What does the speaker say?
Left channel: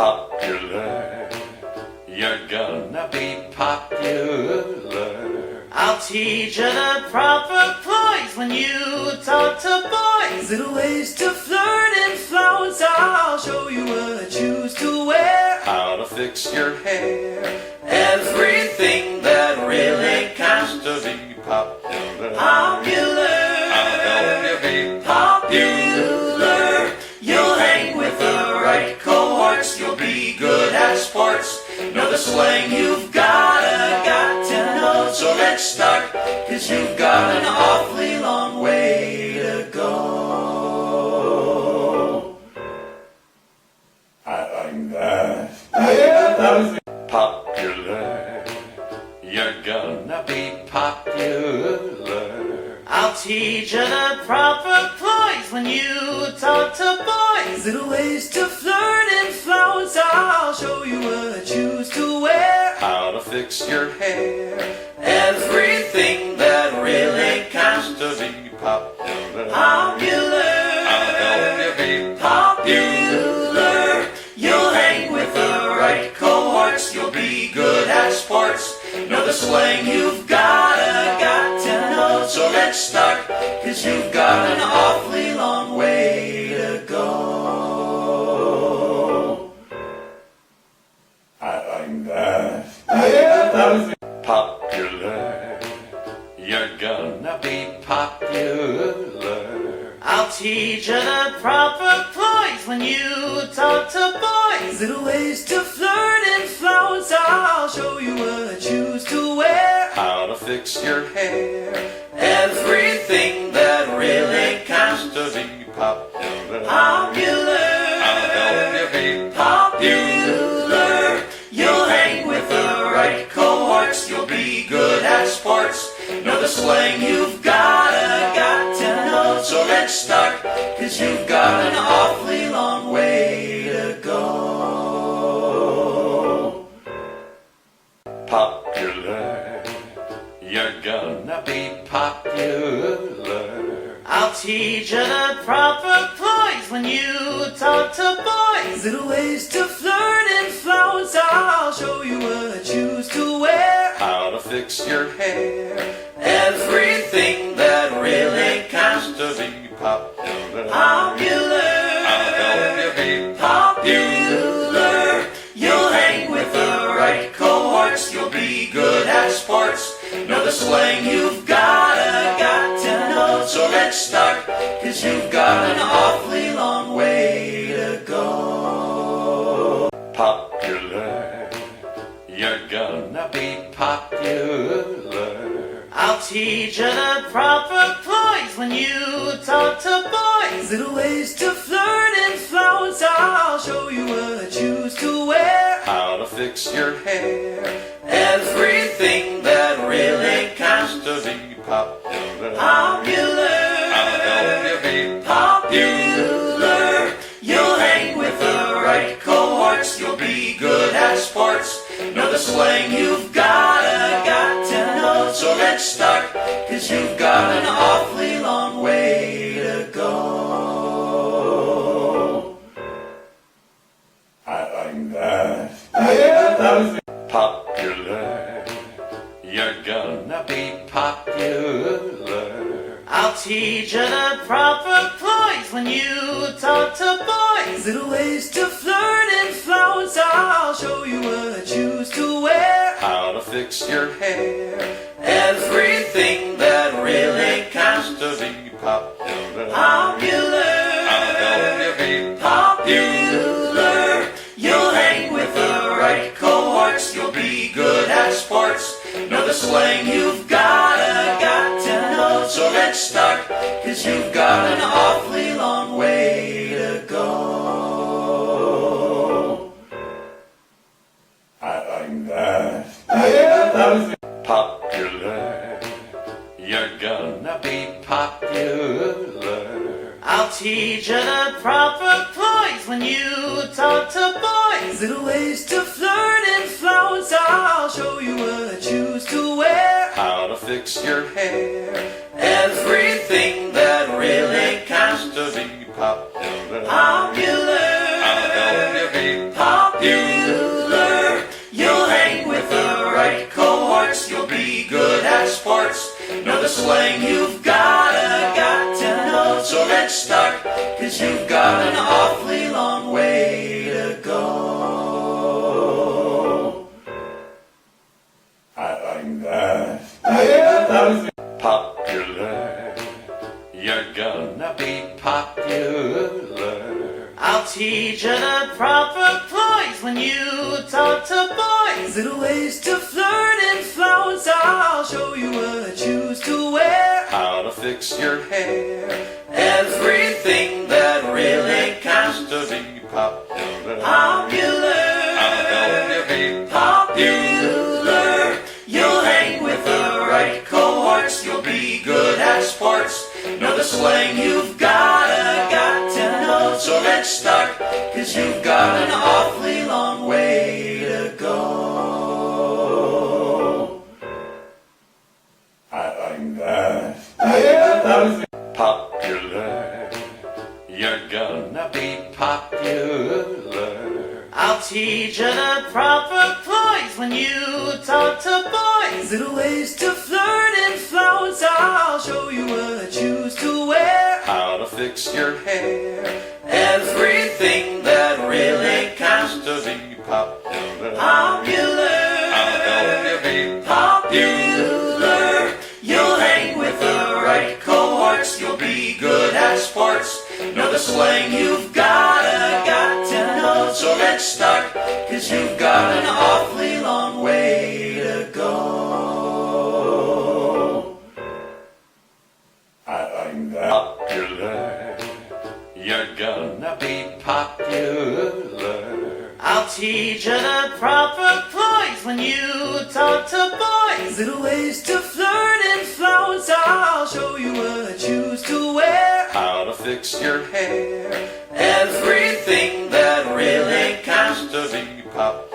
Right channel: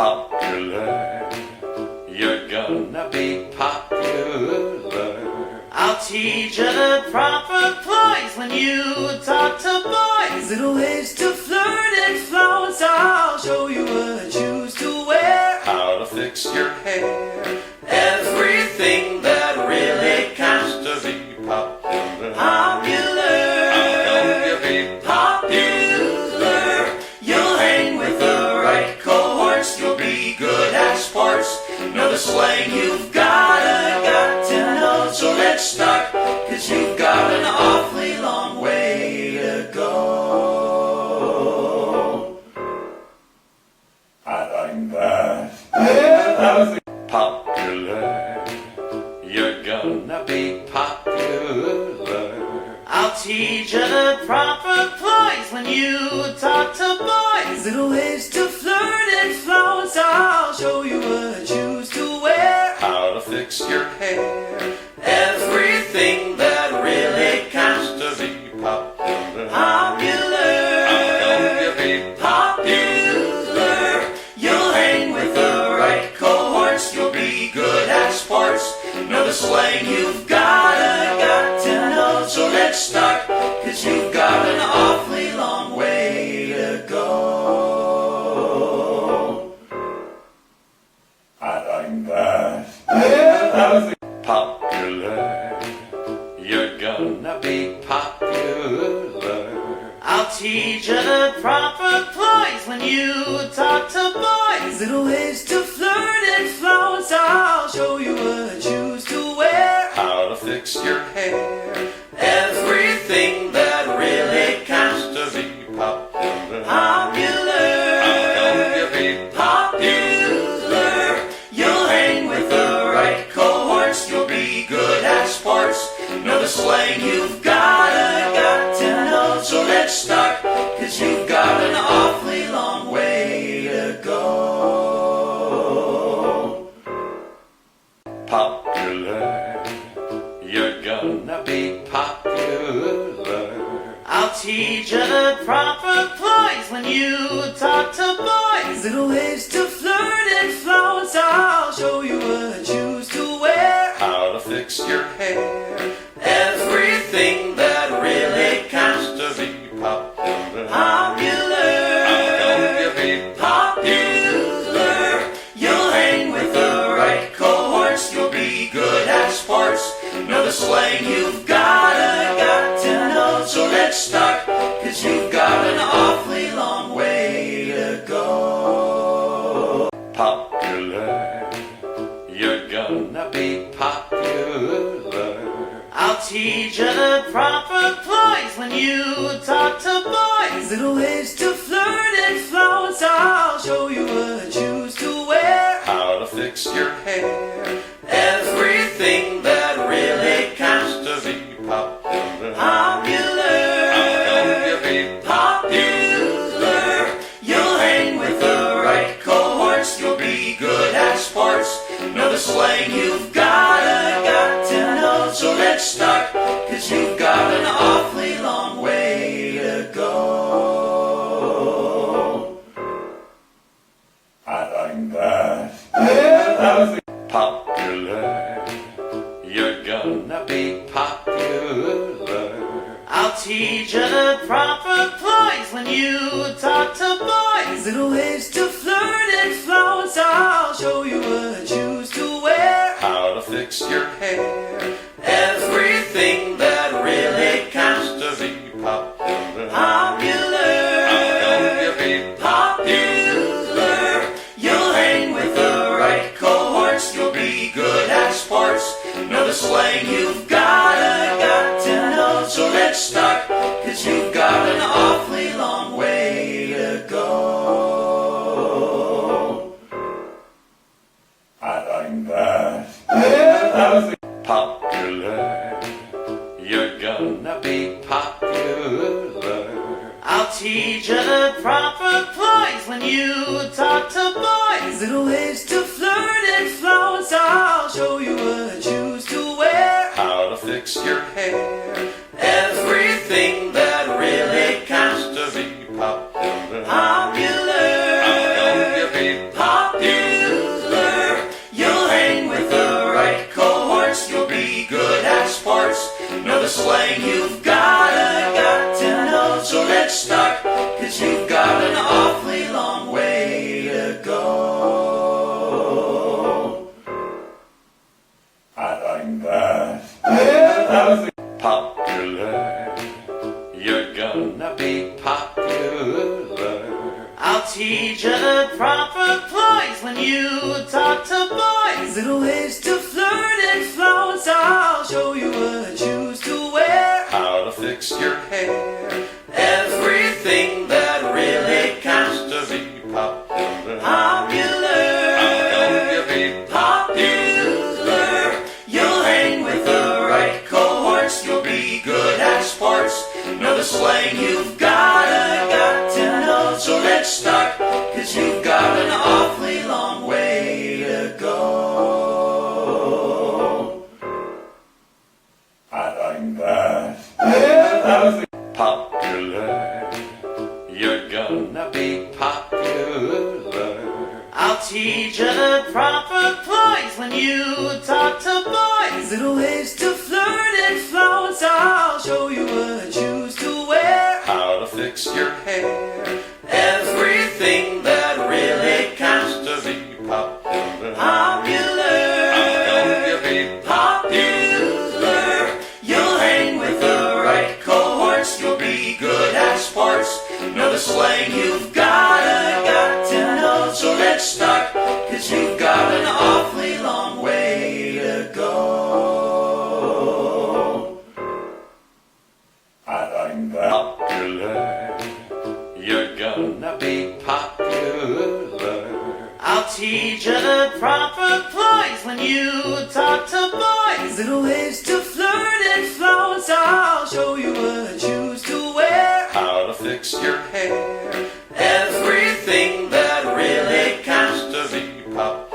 Popular, you're gonna be popular. I'll teach you the proper ploys when you talk to boys. Little ways to flirt and flounce. I'll show you what shoes to wear. How to fix your hair. Everything that really counts To be popular. popular. How will you be Popular. You'll hang with the right cohorts. You'll be good at sports. Know the slang you've got to know. So let's start, 'cause you've got an awfully long way to go. I like that. Popular, you're gonna be popular. I'll teach you the proper ploys when you talk to boys. Little ways to flirt and flounce. I'll show you what shoes to wear. How to fix your hair. Everything that really counts. To be popular. Popular. How will you be Popular. You'll hang with the right cohorts. You'll be good at sports. Know the slang you've got to know. So let's start, 'cause you've got an awfully long way to go. I like that. Popular, you're gonna be popular. I'll teach you the proper ploys when you talk to boys. Little ways to flirt and flounce. I'll show you what shoes to wear. How to fix your hair. Everything that really counts. To be popular. Popular. How will you be Popular. You'll hang with the right cohorts. You'll be good at sports. Know the slang you've got to know. So let's start, 'cause you've got an awfully long way to go. Popular, you're gonna be popular. I'll teach you the proper ploys when you talk to boys. Little ways to flirt and flounce. I'll show you what shoes to wear. How to fix your hair. Everything that really counts. To be popular. Popular. How will you be Popular. You'll hang with the right cohorts. You'll be good at sports. Know the slang you've got to know. So let's start, 'cause you've got an awfully long way to go. Popular, you're gonna be popular. I'll teach you the proper ploys when you talk to boys. Little ways to flirt and flounce. I'll show you what shoes to wear. How to fix your hair. Everything that really counts. To be popular. Popular. How will you be Popular. You'll hang with the right cohorts. You'll be good at sports. Know the slang you've got to know. So let's start, 'cause you've got an awfully long way to go. I like that. Popular, you're gonna be popular. I'll teach you the proper ploys when you talk to boys. Little ways to flirt and flounce. I'll show you what shoes to wear. How to fix your hair. Everything that really counts. To be popular. Popular. How will you be Popular. You'll hang with the right cohorts. You'll be good at sports. Know the slang you've got to know. So let's start, 'cause you've got an awfully long way to go. I like that. Popular, you're gonna be popular. I'll teach you the proper ploys when you talk to boys. Little ways to flirt and flounce. I'll show you what shoes to wear. How to fix your hair. Everything that really counts. To be popular. Popular. How will you be Popular. popular. You'll hang with the right cohorts, you'll be good at sports. Know the slang you've got to know. So let's start, 'cause you've got an awfully long way to go. I'm that. Popular, you're gonna be popular. I'll teach you the proper ploys when you talk to boys. Little ways to flirt and flounce. I'll show you what shoes to wear. How to fix your hair. Everything that really counts. To be popular. Popular. I'll help you be Popular. You'll hang with the right cohorts. You'll be good at sports. Know the slang you've got to know. So let's start, 'cause you've got an awfully long way to go. I'm that. popular. You're gonna be popular. I'll teach you the proper ploys when you talk to boys. Little ways to flirt and flounce. I'll show you what shoes to wear. How to fix your hair. Everything that really counts. To be popular. Popular. I'll help you be Popular. You'll hang with the right cohorts. You'll be good at sports. Know the slang you've got to know. So let's start, 'cause you've got an awfully long way to go. I'm that. popular. You're gonna be popular. I'll teach you the proper ploys when you talk to boys. Little ways to flirt and flounce. I'll show you what shoes to wear. How to fix your hair. Everything that really counts. To be popular.